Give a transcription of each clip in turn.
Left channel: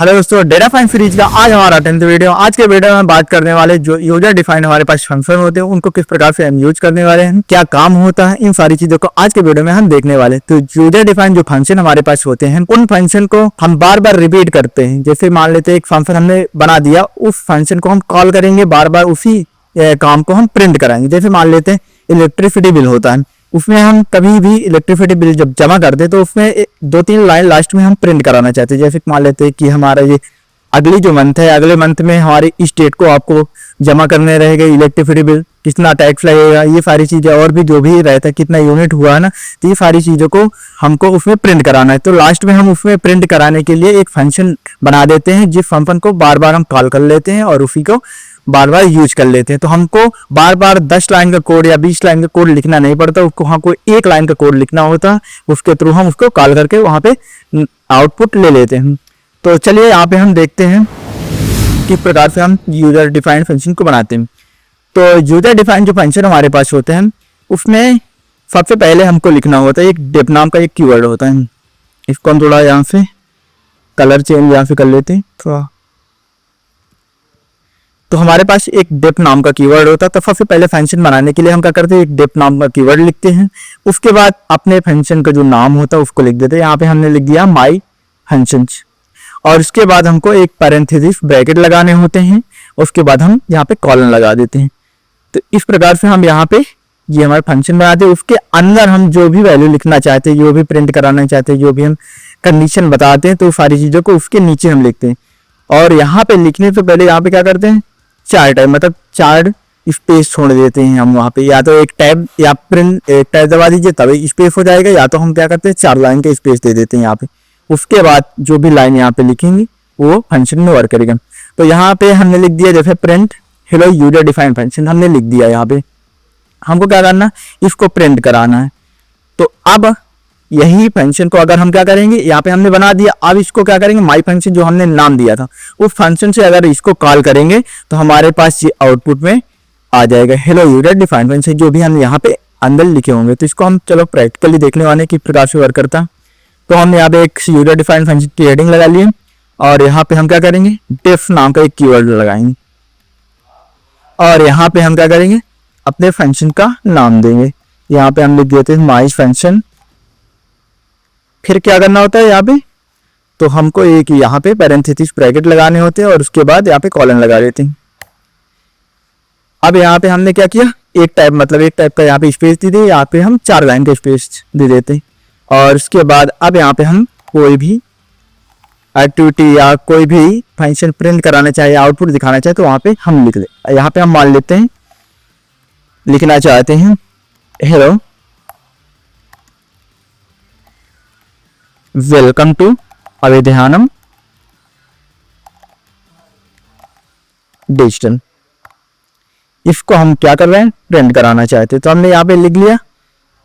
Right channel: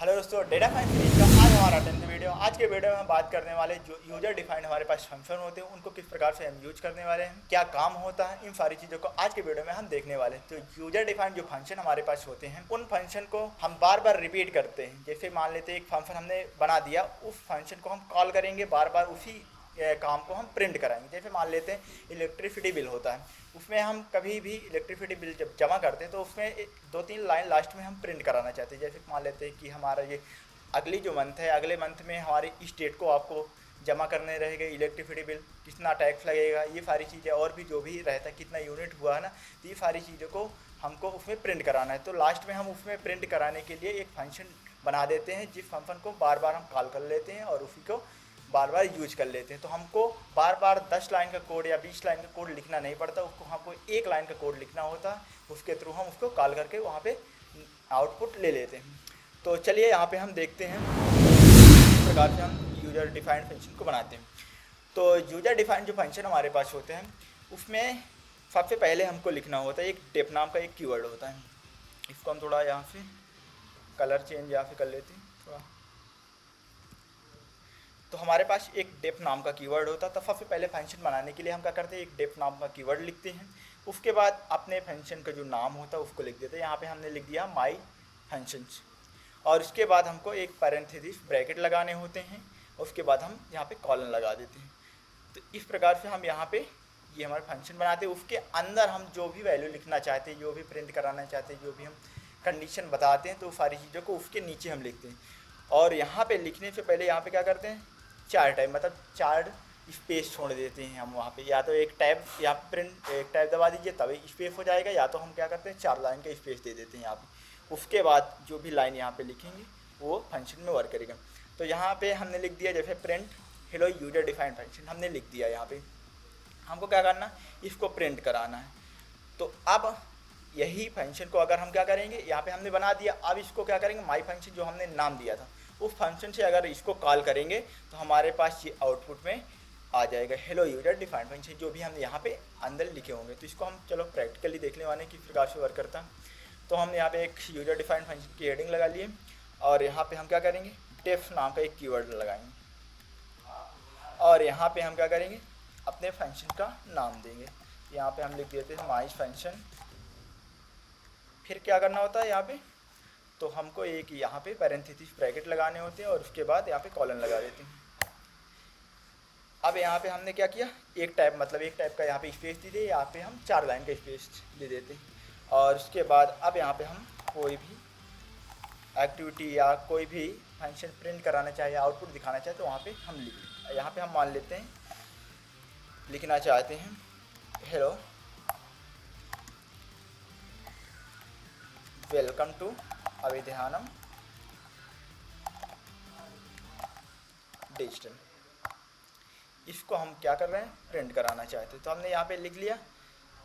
Hello दोस्तों, data fine series का आज हमारा 10th वीडियो। आज के वीडियो में हम बात करने वाले जो यूजर डिफाइंड हमारे पास फंक्शन होते हैं उनको किस प्रकार से हम यूज करने वाले हैं, क्या काम होता है, इन सारी चीजों को आज के वीडियो में हम देखने वाले हैं। तो यूजर डिफाइंड जो फंक्शन हमारे पास होते हैं उन फंक्शन को हम बार बार रिपीट करते हैं। जैसे मान लेते हैं एक फंक्शन हमने बना दिया, उस फंक्शन को हम कॉल करेंगे, बार बार उसी काम को हम प्रिंट कराएंगे। जैसे मान लेते हैं इलेक्ट्रिसिटी बिल होता है, उसमें हम कभी भी इलेक्ट्रिसिटी बिल जब जमा करते हैं तो उसमें 2-3 लाइन लास्ट में हम प्रिंट कराना चाहते हैं। जैसे मान लेते हैं कि हमारा ये अगली जो मंथ है, अगले मंथ में हमारी इस डेट को आपको जमा करने रहेगा इलेक्ट्रिसिटी बिल, कितना टैक्स लगेगा, ये सारी चीज़ें और भी जो भी रहता है, कितना यूनिट हुआ है ना, तो ये सारी चीज़ों को हमको उसमें प्रिंट कराना है। तो लास्ट में हम उसमें प्रिंट कराने के लिए एक फंक्शन बना देते हैं, जिस फंक्शन को बार बार हम कॉल कर लेते हैं और उसी को बार बार यूज कर लेते हैं। तो हमको बार बार 10 लाइन का कोड या 20 लाइन का कोड लिखना नहीं पड़ता, उसको हमको 1 लाइन का कोड लिखना होता है, उसके थ्रू हम उसको कॉल करके वहाँ पे आउटपुट ले लेते हैं। तो चलिए यहाँ पे हम देखते हैं किस प्रकार से हम यूजर डिफाइंड फंक्शन को बनाते हैं। तो यूजर डिफाइंड जो फंक्शन हमारे पास होते हैं उसमें सबसे पहले हमको लिखना होता है एक डिफ नाम का एक कीवर्ड होता है। इसको हम थोड़ा यहाँ से कलर चेंज यहाँ से कर लेते हैं थोड़ा। तो हमारे पास एक डिफ नाम का कीवर्ड होता है। तो सबसे पहले फंक्शन बनाने के लिए हम क्या करते हैं, एक डिफ नाम का कीवर्ड लिखते हैं। उसके बाद अपने फंक्शन का जो नाम होता है उसको लिख देते हैं। यहाँ पे हमने लिख दिया माई फंक्शन, और उसके बाद हमको एक पैरेंथेसिस ब्रैकेट लगाने होते हैं। उसके बाद हम यहाँ पे कॉलन लगा देते हैं। तो इस प्रकार से हम यहाँ पे ये हमारा फंक्शन बनाते हैं। उसके अंदर हम जो भी वैल्यू लिखना चाहते हैं, जो भी प्रिंट कराना चाहते हैं, जो भी हम कंडीशन बताते हैं, तो सारी चीज़ों को उसके नीचे हम लिखते हैं। और यहाँ पे लिखने से पहले यहाँ पे क्या करते हैं, 4 टाइप मतलब 4 स्पेस छोड़ देते हैं हम वहाँ पे। या तो एक टैब या प्रिंट एक टैब दबा दीजिए तभी स्पेस हो जाएगा, या तो हम क्या करते हैं 4 लाइन का स्पेस दे देते हैं यहाँ पे। उसके बाद जो भी लाइन यहाँ पे लिखेंगे वो फंक्शन में वर्क करेगा। तो यहाँ पे हमने लिख दिया जैसे print hello user defined function हमने लिख दिया। यहाँ पे हमको क्या करना, इसको प्रिंट कराना है। तो अब यही फंक्शन को अगर हम क्या करेंगे, यहाँ पे हमने बना दिया, अब इसको क्या करेंगे, माई फंक्शन जो हमने नाम दिया था उस फंक्शन से अगर इसको कॉल करेंगे तो हमारे पास ये आउटपुट में आ जाएगा हेलो यूजर डिफाइंड फंक्शन, जो भी हम यहाँ पे अंदर लिखे होंगे। तो इसको हम चलो प्रैक्टिकली देखने वाले किस प्रकार से वर्क करता। तो हमने यहाँ पे एक यूजर डिफाइंड फंक्शन की हेडिंग लगा लिए, और यहाँ पे हम क्या करेंगे, डिफ नाम का एक कीवर्ड लगाएंगे, और यहाँ पे हम क्या करेंगे, अपने फंक्शन का नाम देंगे। यहाँ पे हम लिख देते हैं माई फंक्शन। फिर क्या करना होता है यहाँ पे, तो हमको एक यहाँ पे पैरेंथेसिस ब्रैकेट लगाने होते हैं, और उसके बाद यहाँ पे कॉलन लगा देते हैं। अब यहाँ पे हमने क्या किया, एक टाइप का यहाँ पे स्पेस दे दिए, यहाँ पे हम 4 लाइन का स्पेस दे देते हैं। और उसके बाद अब यहाँ पे हम कोई भी एक्टिविटी या कोई भी फंक्शन प्रिंट कराना चाहे, आउटपुट दिखाना चाहे, तो वहाँ पे हम लिख दे। यहाँ पे हम मान लेते हैं, लिखना चाहते हैं हेलो वेलकम टू अवेध्यानम डिजिटल। इसको हम क्या कर रहे हैं, प्रिंट कराना चाहते हैं। तो हमने यहाँ पे लिख लिया।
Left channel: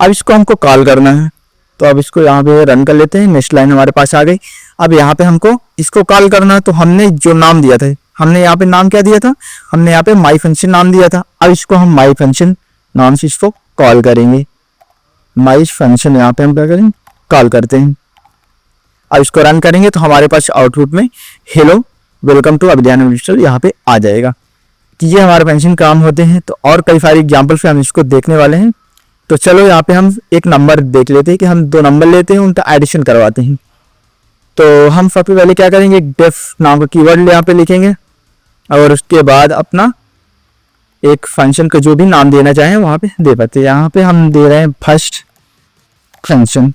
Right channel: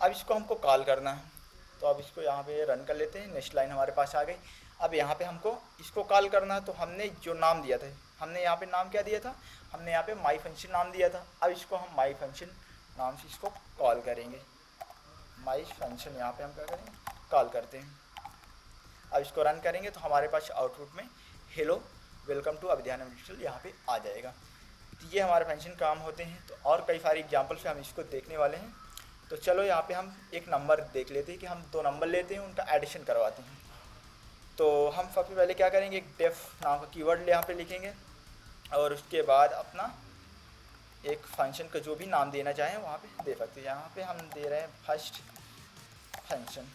अब इसको हमको कॉल करना है, तो अब इसको यहाँ पे रन कर लेते हैं। नेक्स्ट लाइन हमारे पास आ गई। अब यहाँ पे हमको इसको कॉल करना है, तो हमने जो नाम दिया था, हमने यहाँ पे नाम क्या दिया था, हमने यहाँ पे माई फंक्शन नाम दिया था। अब इसको हम माई फंक्शन नाम से इसको कॉल करेंगे। माई फंक्शन यहाँ पे हम क्या करेंगे, कॉल करते हैं। अब इसको रन करेंगे तो हमारे पास आउटपुट में हेलो वेलकम टू अभिध्यान डिजिटल यहाँ पे आ जाएगा कि ये हमारे फंक्शन काम होते हैं। तो और कई सारी एग्जाम्पल से हम इसको देखने वाले हैं। तो चलो यहाँ पे हम एक नंबर देख लेते हैं कि हम 2 नंबर लेते हैं, उनका एडिशन करवाते हैं। तो हम सबसे पहले क्या करेंगे, एक डिफ नाम का कीवर्ड यहाँ पे लिखेंगे, और उसके बाद अपना एक फंक्शन का जो भी नाम देना चाहें वहाँ पे दे पाते हैं। यहाँ पे हम दे रहे हैं फर्स्ट फंक्शन,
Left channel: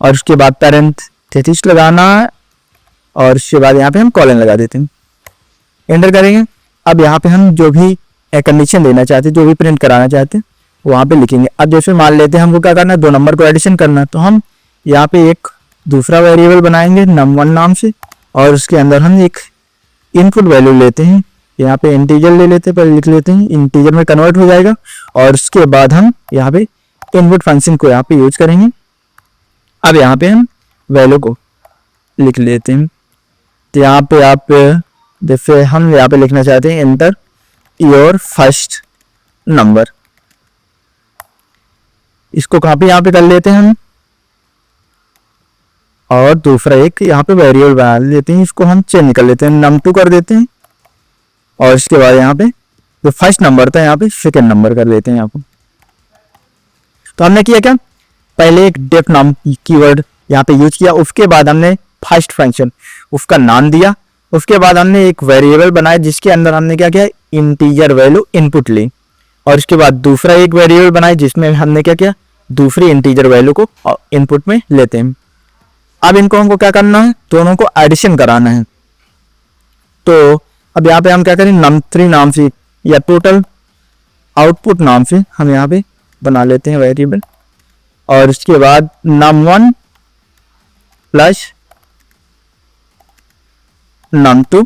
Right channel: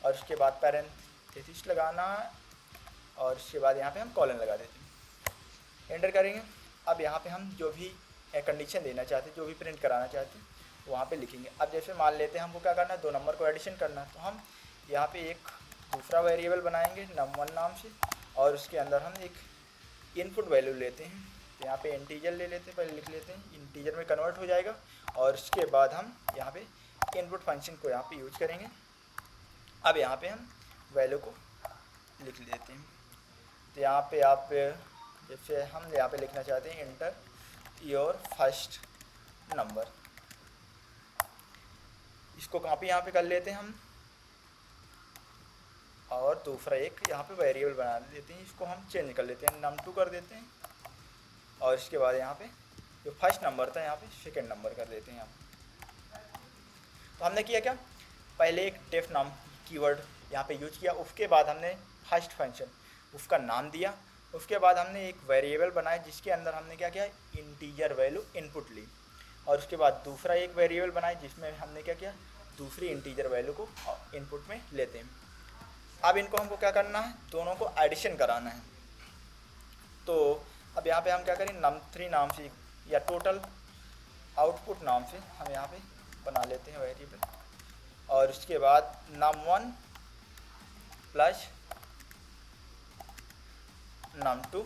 और उसके बाद पैरेंथेसिस लगाना है, और उसके बाद यहाँ पे हम कॉलन लगा देते हैं, एंटर करेंगे। अब यहाँ पे हम जो भी कंडीशन देना चाहते हैं, जो भी प्रिंट कराना चाहते हैं वहाँ पे लिखेंगे। अब जैसे मान लेते हैं हमको क्या करना है, 2 नंबर को एडिशन करना है, तो हम यहाँ पे एक दूसरा वेरिएबल बनाएंगे num1 नाम से, और उसके अंदर हम एक इनपुट वैल्यू लेते हैं। यहाँ पे इंटीजर ले लेते हैं, पहले लिख लेते हैं, इंटीजर में कन्वर्ट हो जाएगा। और उसके बाद हम यहाँ पे इनपुट फंक्शन को यहाँ पे यूज करेंगे। अब यहाँ पे हम वैल्यू को लिख लेते हैं। तो यहाँ पे आप जैसे हम यहाँ पे लिखना चाहते हैं एंटर योर फर्स्ट नंबर, इसको कहाँ पे यहाँ पे कर लेते हैं हम, और दूसरा एक यहाँ पे वेरिएबल बना लेते हैं, इसको हम चेंज कर लेते हैं, num2 कर देते हैं। और इसके बाद यहाँ पे जो फर्स्ट नंबर था यहाँ पे सेकेंड नंबर कर लेते हैं यहाँ पे। तो हमने किया क्या, पहले एक डेफ नाम कीवर्ड यहाँ पे यूज किया, उसके बाद हमने फर्स्ट फंक्शन उसका नाम दिया, उसके बाद हमने एक वेरिएबल बनाया जिसके अंदर हमने क्या किया, इंटीजर वैल्यू इनपुट ली, और इसके बाद दूसरा एक वेरिएबल बनाया जिसमें हमने क्या किया, दूसरी इंटीजर वैल्यू को इनपुट में लेते हैं। अब इनको हमको क्या करना है, दोनों को एडिशन कराना है। तो अब यहाँ पे हम क्या करें, num3 नाम से या टोटल आउटपुट नाम से हम यहाँ पे बना लेते हैं वेरिएबल, और इसके बाद num1 प्लस num2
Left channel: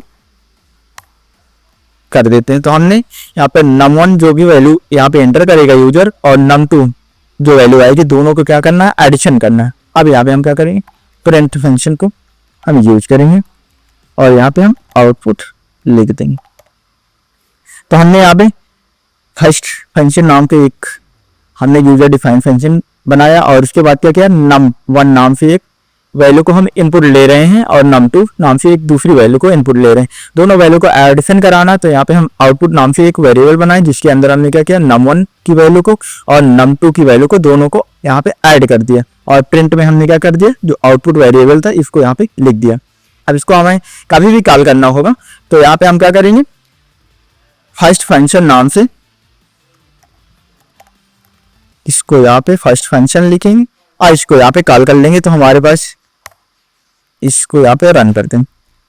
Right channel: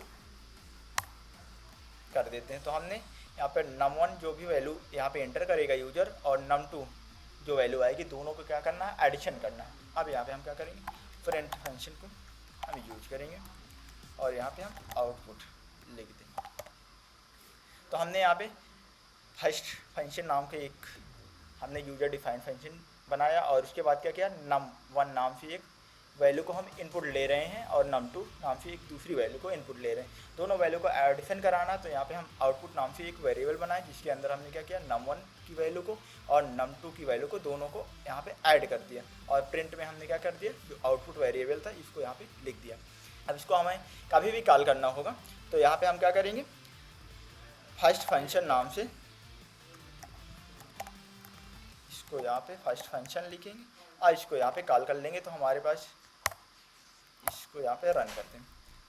कर देते हैं। तो हमने यहाँ पे num1 जो भी वैल्यू यहाँ पे एंटर करेगा यूजर, और num2 जो वैल्यू आएगी, दोनों को क्या करना है, एडिशन करना है। अब यहाँ पे हम क्या करेंगे, प्रिंट फंक्शन को हम यूज करेंगे और यहाँ पे हम आउटपुट लिख देंगे। तो हमने यहाँ पे फर्स्ट फंक्शन नाम के एक हमने यूजर डिफाइन फंक्शन बनाया, और उसके बाद क्या किया, num1 नाम से एक वैल्यू को हम इनपुट ले रहे हैं और num2 नाम से एक दूसरी वैल्यू को इनपुट ले रहे हैं, दोनों वैल्यू को एडिशन कराना। तो यहाँ पे हम आउटपुट नाम से एक वेरिएबल बनाए जिसके अंदर हमने क्या किया, num1 की वैल्यू को और num2 की वैल्यू को दोनों को यहाँ पे ऐड कर दिया, और प्रिंट में हमने क्या कर दिया, जो आउटपुट वेरिएबल था इसको यहाँ पे लिख दिया। अब इसको हमें कभी भी कॉल करना होगा, तो यहाँ पे हम क्या करेंगे, फर्स्ट फंक्शन नाम से इसको यहाँ पे फर्स्ट फंक्शन लिखेंगे और इसको यहाँ पे कॉल कर लेंगे। तो हमारे पास इसको यहाँ पे रन करते हैं।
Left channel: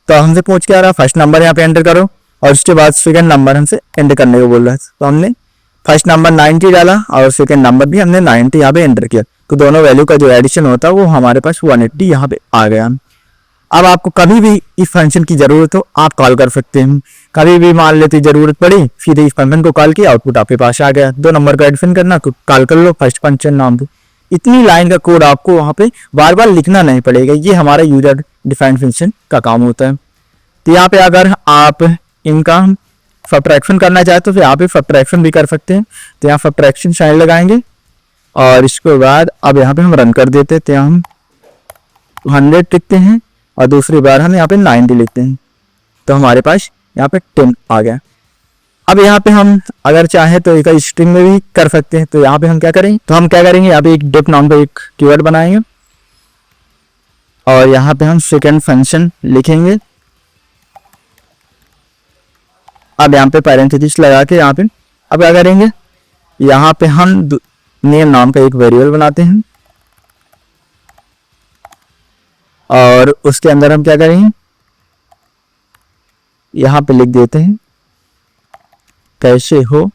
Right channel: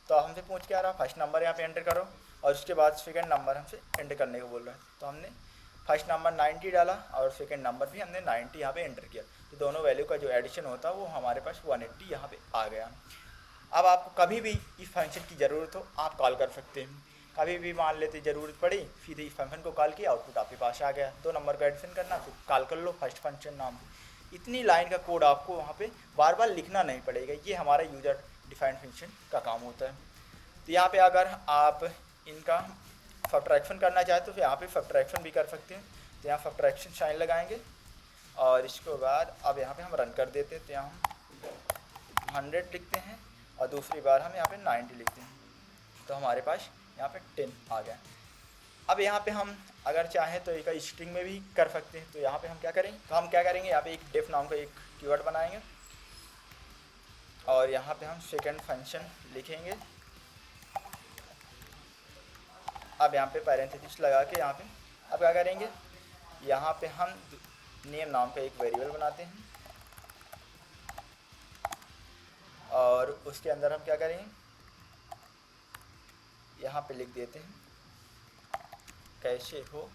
तो हमसे पूछ के आ रहा है फर्स्ट नंबर यहाँ पे एंटर करो, और उसके बाद सेकंड नंबर हमसे एंटर करने को बोल रहा है। तो हमने फर्स्ट नंबर 90 डाला और सेकंड नंबर भी हमने 90 यहाँ पे एंटर किया। तो दोनों वैल्यू का जो एडिशन होता है वो हमारे पास 180 यहाँ पे आ गया। अब आपको कभी भी इस फंक्शन की जरूरत हो आप कॉल कर सकते हैं, कभी भी मान लेते जरूरत पड़ी सीधे इस फंक्शन को कॉल किया, आउटपुट आपके पास आ गया। 2 नंबर का एडिशन करना कॉल कर लो फर्स्ट फंक्शन नाम को, इतनी लाइन का कोड आपको वहाँ पे बार बार लिखना नहीं पड़ेगा। ये हमारा यूजर डिफाइंड फंक्शन का काम होता है। तो यहाँ पे अगर आप इनका सब्ट्रैक्शन करना चाहते हो तो यहाँ पे सब्ट्रैक्शन भी कर सकते हैं। तो यहाँ सब्ट्रैक्शन साइन लगाएंगे और इसके बाद अब यहाँ पे हम रन कर देते हैं। तो हम 100 लिखते हैं और दूसरी बार हम यहाँ पे 90 लिखते हैं, तो हमारे पास यहाँ पे 10 आ गया। अब यहाँ पे हम अगर चाहे तो एक स्ट्रिंग में भी कर सकते हैं। तो यहाँ पे हम क्या करेंगे, तो हम क्या करेंगे, यहाँ पे एक डिफ नाम का एक कीवर्ड बनाएंगे और यहाँ पे हम सेकंड फंक्शन लिखेंगे। अब यहाँ पे पैरेंथेसिस लगा के यहाँ पे अब क्या करेंगे, यहाँ पे हम नेम नाम का एक वेरिएबल बनाते हैं और उसके अंदर हम क्या करेंगे, यहाँ पे लिख देते हैं कैसे हो,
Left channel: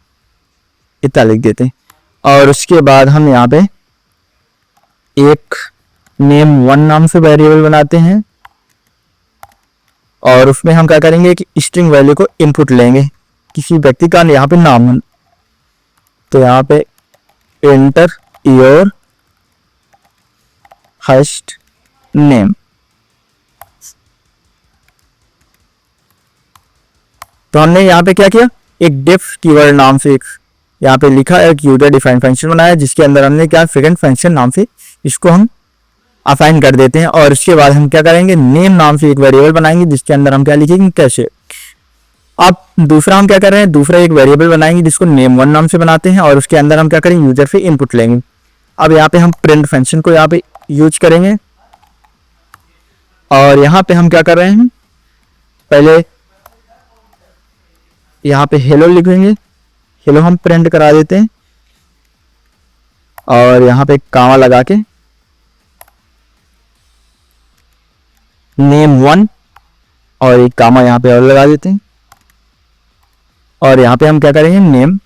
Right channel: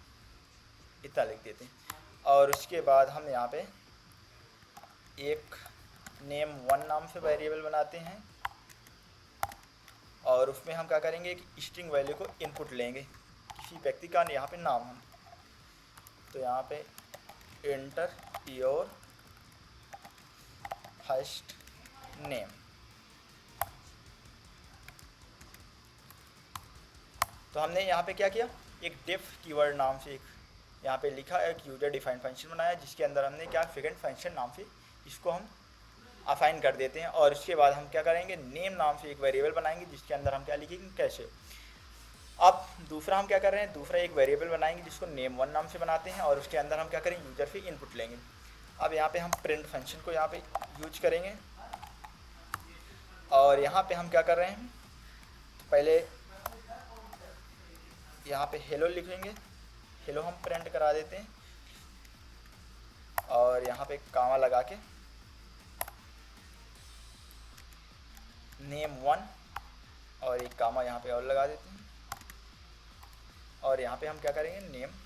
इतना लिख देते हैं। और उसके बाद हम यहाँ पे एक name1 नाम से वेरिएबल बनाते हैं और उसमें हम क्या करेंगे कि स्ट्रिंग वैल्यू को इनपुट लेंगे, किसी व्यक्ति का यहाँ पे नाम। तो यहाँ पे एंटर योर फर्स्ट नेम। तो हमने यहाँ पे क्या किया, एक डिफ कीवर्ड नाम से एक यहाँ पे लिखा, एक यूजर डिफाइन फंक्शन बनाया जिसके अंदर हमने क्या सेकंड फंक्शन नाम से इसको हम असाइन कर देते हैं। और उसके बाद हम क्या करेंगे, नेम नाम से एक वेरिएबल बनाएंगे जिसके अंदर हम क्या लिखेंगे, कैसे। अब दूसरा हम क्या कर रहे हैं, दूसरा एक वेरिएबल बनाएंगे जिसको name1 नाम से बनाते हैं और उसके अंदर हम क्या करेंगे, यूजर से इनपुट लेंगे। अब यहाँ पे हम प्रिंट फंक्शन को यहाँ पे यूज करेंगे और यहाँ पे हम क्या कर रहे हैं, पहले यहाँ पे हेलो लिखेंगे, हेलो हम प्रिंट करा देते हैं और यहाँ पे कामा लगा के name1 और एक कामा यहाँ पे और लगा देते हैं और यहाँ पे हम क्या करेंगे, नेम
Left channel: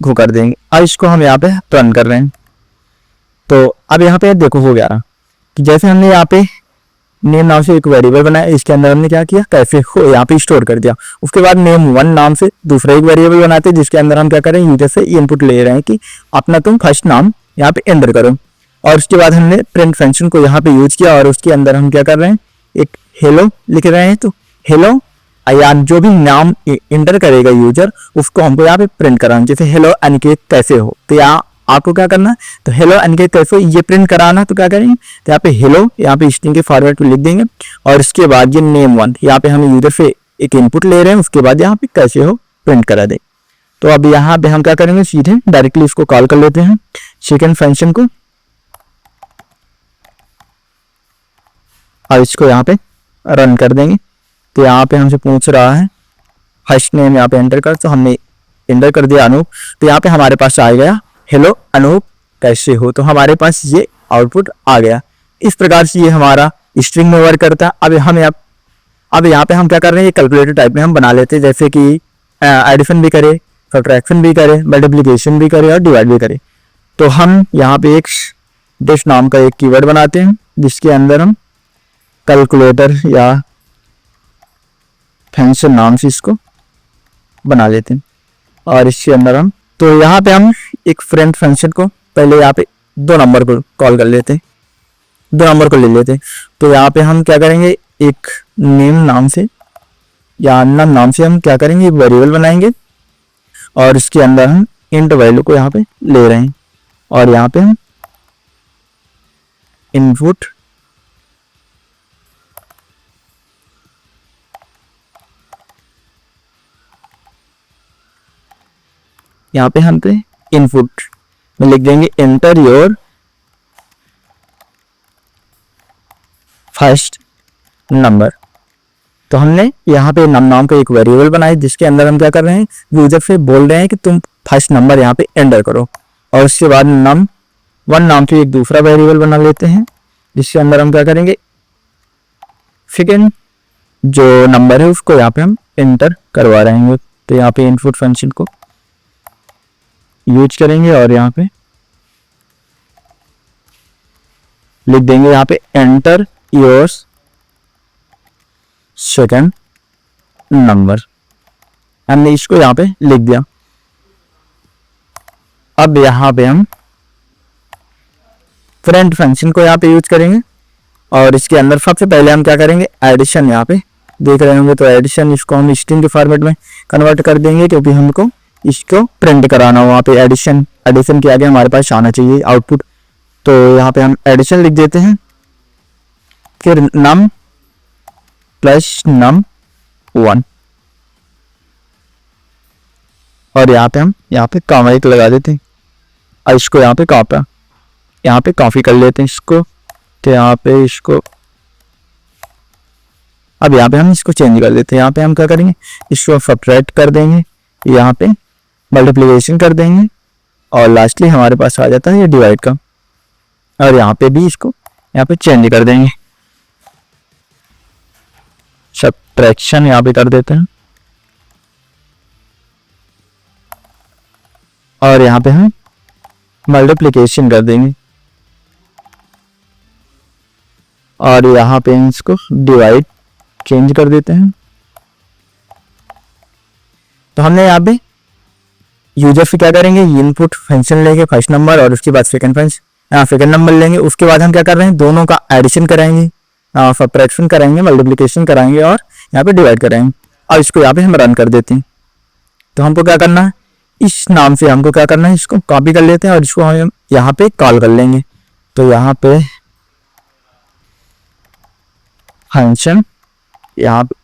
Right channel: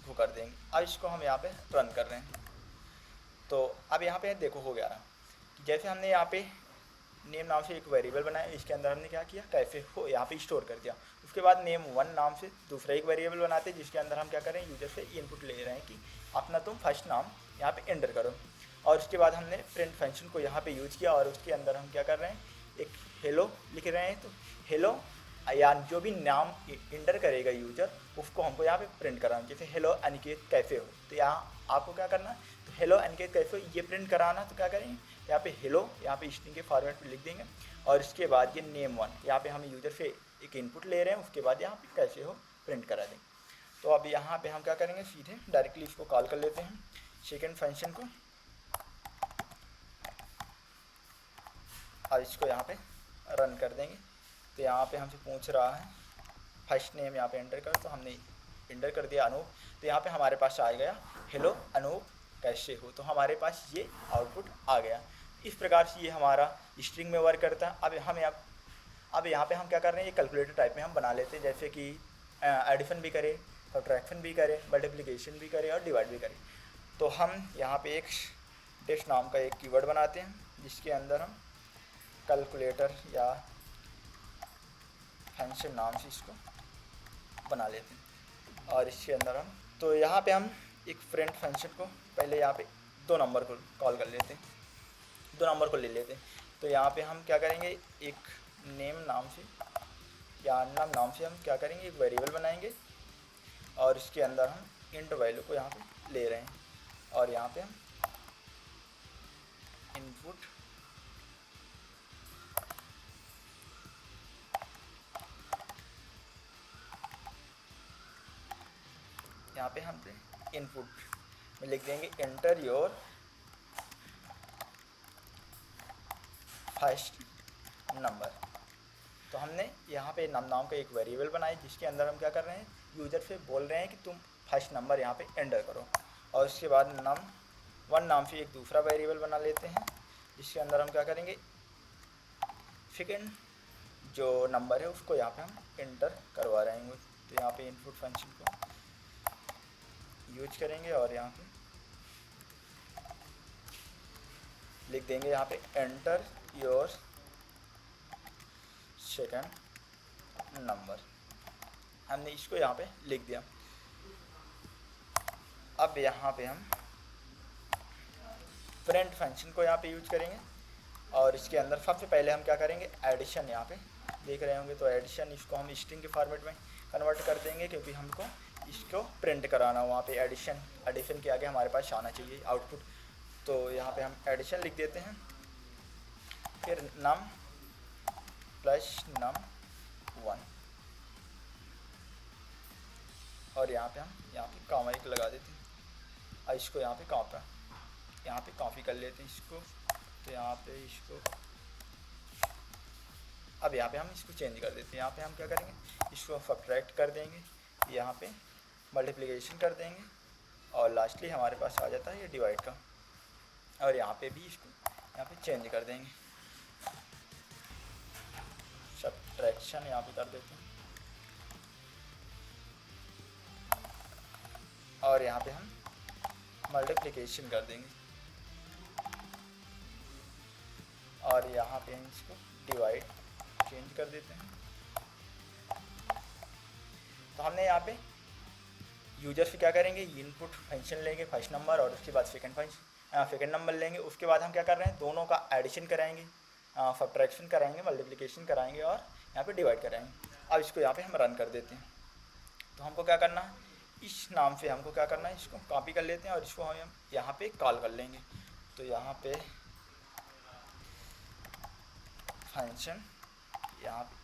को कर देंगे। अब इसको हम यहाँ पे रन कर रहे हैं। तो अब यहाँ पे देखो हो गया कि जैसे हमने यहाँ पे नेम नाम से एक वेरिएबल बनाया, इसके अंदर हमने क्या किया, कैफे हो यहाँ पे स्टोर कर दिया। उसके बाद name1 नाम से दूसरा एक वेरिएबल बनाते हैं जिसके अंदर हम क्या करें, यूजर से इनपुट ले रहे हैं कि अपना तुम फर्स्ट नाम यहाँ पे एंटर करो। और उसके बाद हमने प्रिंट फंक्शन को यहाँ पे यूज किया और उसके अंदर हम क्या कर रहे हैं, एक हेलो लिख रहे हैं। तो हेलो या जो भी नाम एंटर करेगा यूजर उसको हमको यहाँ पे प्रिंट कराना, जैसे हेलो अनिकेत कैसे हो। तो यहाँ आपको क्या करना है, तो हेलो अनिकेत कैसे ये प्रिंट कराना, तो क्या करेंगे, तो यहाँ पे हेलो, यहाँ पे स्ट्रिंग के फॉर्मेट में लिख देंगे और इसके बाद ये नेम वन, यहाँ पे हम यूजर से एक इनपुट ले रहे हैं, उसके बाद यहाँ पे कैसे हो प्रिंट करा दे। तो अब यहाँ पे हम क्या करेंगे, सीधे डायरेक्टली इसको कॉल कर लेते हैं सेकंड फंक्शन को और इसको यहाँ पे रन कर देंगे। तो यहाँ पे हमसे पूछ रहा है फर्स्ट नेम यहाँ पे एंटर कर, तो हमने एंटर कर दिया अनूप। तो यहाँ पे हमारे पास आ गया हेलो अनूप कैसे हो, तो हमारे पास ये आउटपुट आ गया। इस प्रकार से ये हमारा स्ट्रिंग में वर्क करता है। अब यहाँ पे हम क्या कर रहे हैं, ये कैलकुलेटर टाइप में हम बना लेते हैं, जैसे कि एडिशन भी करे, सब्ट्रैक्शन भी करे, मल्टीप्लिकेशन भी करे और डिवाइड भी करे। तो हम यहाँ पे एक डिश नाम का एक कीवर्ड बनाते हैं जिसके अंदर हम कैलकुलेटर या फंक्शन नाम से इसको बना लेते हैं और इसके अंदर हम, तो यहाँ पे हम एक फ्रेंड फंक्शन को पहले यहाँ पे 2 नंबर को कॉल कर लेते हैं, 2 नंबर को ले लेते हैं। तो यहाँ पे हम क्या करेंगे, एक नेम नाम से या नाम से हम क्या करेंगे, वेरिएबल बनाएंगे और इसके अंदर हम इंट वैल्यू को यहाँ पे ले रहे हैं और यहाँ पे हम इनपुट यहाँ पे हम पे इनपुट में लिख देंगे एंटर योर फर्स्ट नंबर। तो हमने यहाँ पे नाम का एक वेरिएबल बनाया जिसके अंदर हम क्या कर रहे हैं, यूजर से बोल रहे हैं कि तुम फर्स्ट नंबर यहाँ पे एंटर करो और उसके बाद वन नाम से एक दूसरा वेरिएबल बना लेते हैं जिसके अंदर हम क्या करेंगे, सेकेंड जो नंबर है उसको यहाँ पे हम एंटर करवा रहे हैं। तो यहाँ पे इनपुट फंक्शन को यूज करेंगे और यहाँ पे लिख देंगे यहाँ पे एंटर योर सेकंड नंबर, हमने इसको यहाँ पे लिख दिया। अब यहाँ पे हम फ्रेंड फंक्शन को यहाँ पे यूज करेंगे और इसके अंदर सबसे पहले हम क्या करेंगे, एडिशन यहाँ पे देख रहे होंगे, तो एडिशन इसको हम स्ट्रिंग के फॉर्मेट में कन्वर्ट कर देंगे क्योंकि हमको इसको प्रिंट कराना हो। वहाँ पे एडिशन के आगे हमारे पास आना चाहिए आउटपुट। तो यहाँ पे हम एडिशन लिख देते हैं, फिर नम प्लस नम 1 और यहाँ पे हम यहाँ पे कॉमा एक लगा देते हैं और इसको यहाँ पे कॉपी कर लेते हैं इसको। तो यहाँ पे इसको अब यहाँ पे हम इसको चेंज कर देते हैं। यहाँ पे हम क्या करेंगे, इसको सब्ट्रैक्ट कर देंगे, यहाँ पे मल्टीप्लिकेशन कर देंगे और लास्टली हमारे पास आ जाता है ये डिवाइड का और यहाँ पे भी इसको यहाँ पे चेंज कर देंगे, सब्ट्रैक्शन यहाँ पे कर देते हैं और यहाँ पे हम मल्टीप्लिकेशन कर देंगे और यहाँ पे इसको डिवाइड चेंज कर देते हैं। तो हमने यहाँ पे यूजर से क्या करेंगे, इनपुट फंक्शन लेंगे फर्स्ट नंबर और उसके बाद सेकंड नंबर लेंगे। उसके बाद हम क्या कर रहे हैं, दोनों का एडिशन कराएंगे, सब्ट्रैक्शन कराएंगे, मल्टीप्लिकेशन कराएंगे और यहाँ पे डिवाइड कराएंगे और इसको यहाँ पे हम रन कर देते हैं। तो हमको क्या करना है, इस नाम से हमको क्या करना है, इसको कॉपी कर लेते हैं और इसको हम यहाँ पे कॉल कर लेंगे। तो यहाँ पे फंक्शन यहाँ पे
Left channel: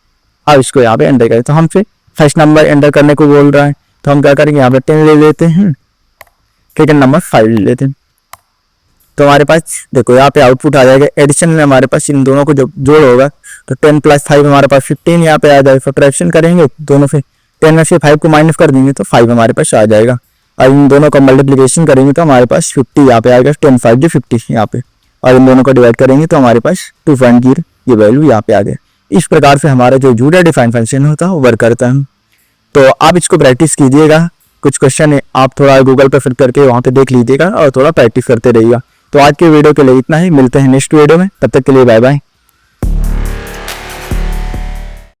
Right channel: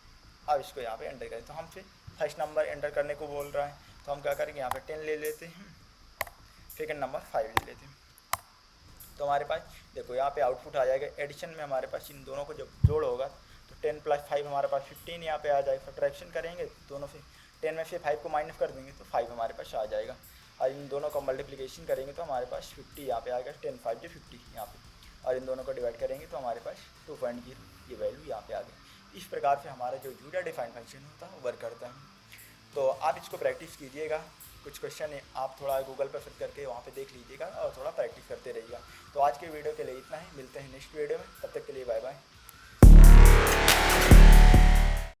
अब इसको यहाँ पे एंटर करें। तो हमसे फर्स्ट नंबर एंटर करने को बोल रहा है, तो हम क्या करेंगे, यहाँ पे 10 ले लेते हैं, सेकंड नंबर 5 ले लेते हैं। तो हमारे पास देखो यहाँ पे आउटपुट आ जाएगा। एडिशन में हमारे पास इन दोनों को जब जोड़ होगा तो 10 + 5 हमारे पास 15 यहाँ पे आ जाएगा। सब्ट्रैक्शन करेंगे दोनों से, 10 में से 5 को माइनस कर देंगे तो 5 हमारे पास आ जाएगा और इन दोनों का मल्टीप्लिकेशन करेंगे तो हमारे पास 50 यहाँ पे आएगा, 10 × 5 = 50 यहाँ पे, और इन दोनों को डिवाइड करेंगे तो हमारे पास 2.0 ये वैल्यू यहाँ पे आ गया। इस प्रकार से हमारा जो यूजर डिफाइंड फंक्शन होता है वो वर्क करता है। तो आप इसको प्रैक्टिस कीजिएगा, कुछ क्वेश्चन है आप थोड़ा गूगल पे फिर करके वहाँ पे देख लीजिएगा और थोड़ा प्रैक्टिस करते रहिएगा। तो आज के वीडियो के लिए इतना ही, मिलते हैं नेक्स्ट वीडियो में, तब तक के लिए बाय बाय।